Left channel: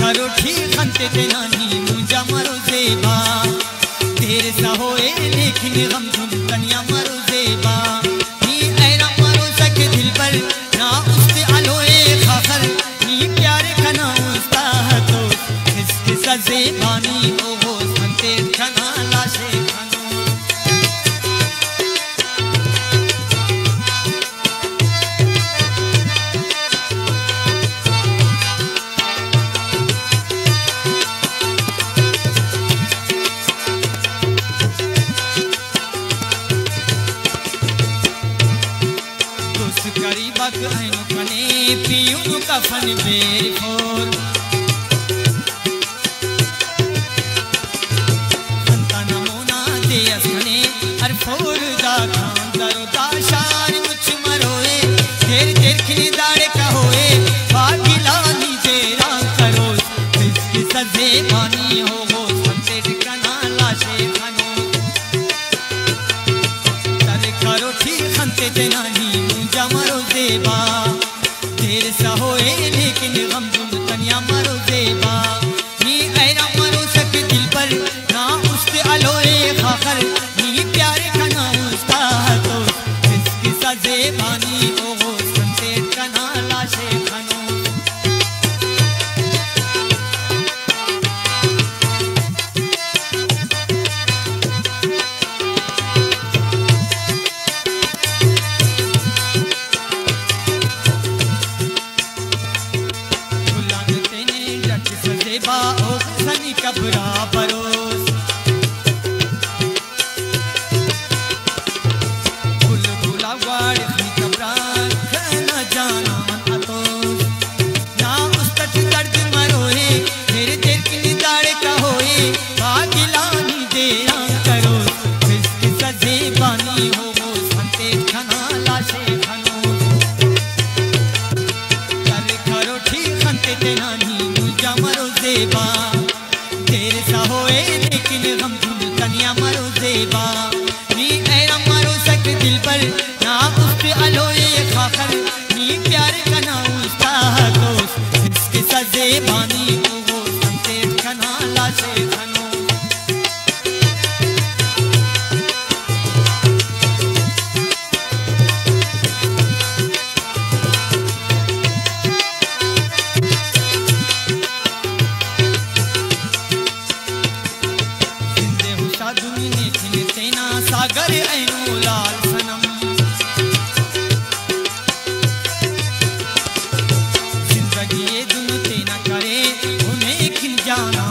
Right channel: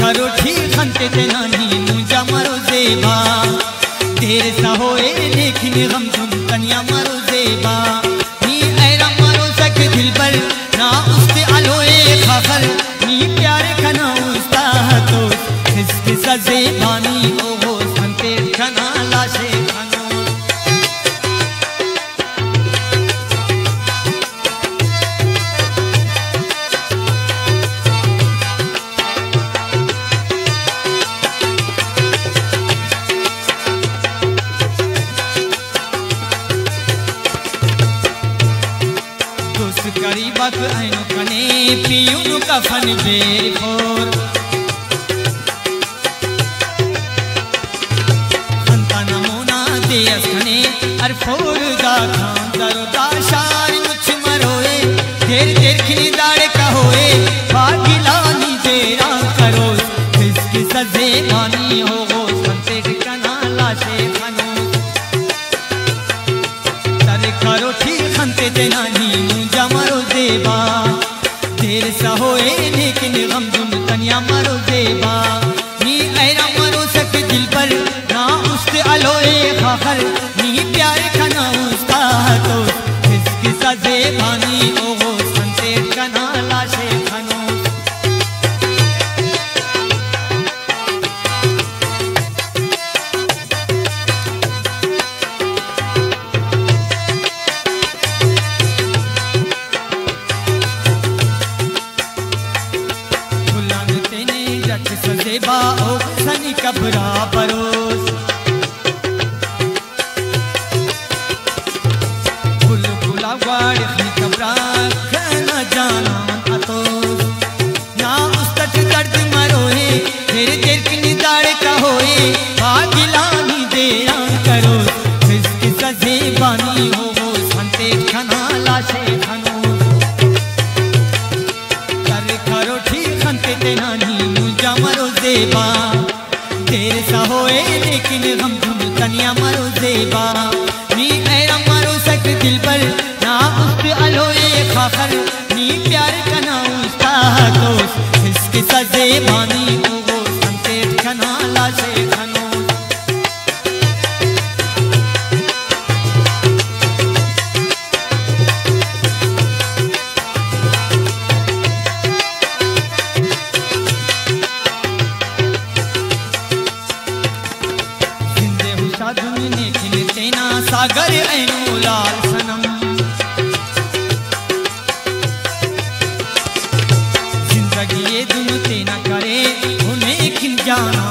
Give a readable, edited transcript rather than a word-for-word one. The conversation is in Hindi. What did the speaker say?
करो ठीक खंते ते नहीं मुझा मरो जेबा तेरे सा होए लेकिन हम तुम तनिया मरो जेबा नी ऐरा मरो सके दिल पर ना उसके अलोए खाखर नी प्यारे कना उसका तो इसके सजे बानी ओ हो खंते कना लाशे खानो गरीबक आयो कने पियूं कफन बेखोर खंता नमूना दे असने अरफोर दा खान दरो दाशार मुछ मरोए देर देर खिली दाड़े कहोए बागिलानी तेरा करो इसकी सजे बानी हो संते ठिकाना लाशे खानो तारे करो ठीक खंते देना मरो जेबा तेरे सा होए लेकिन हम तुम तनिया मरो जेबा नी ऐरा मरो सके दिल पर ना उसके अलोए खाखर नी प्यार खाना उसका तो इसकी सजे बानी ओ हो संते कना लाशे खानो ओ सनी कबरा परोस फुल फुला वाड़ी कबरा खाना जाना तो ना उस तक दर्द मरोए मेरे दिल की निगाड़े का होए बागिलानी देरा करो इसकी सजे बानी हो वो संते खाना लाशे खानो करे करो ठीक संते देना मुझा मरो जेबा तेरे सा होए लेकिन हम तुम तनिया मरो जेबा नी ऐरा मरो सके दिल पर ना उसके अलोए खाखर नी प्यार कना उसका तो इसके सजे बानी ओ वो संते कना लाशे खानो सागर ऐनो लाल सनम जिंदगी ये दुन तेना करे उन्हें खिल जाना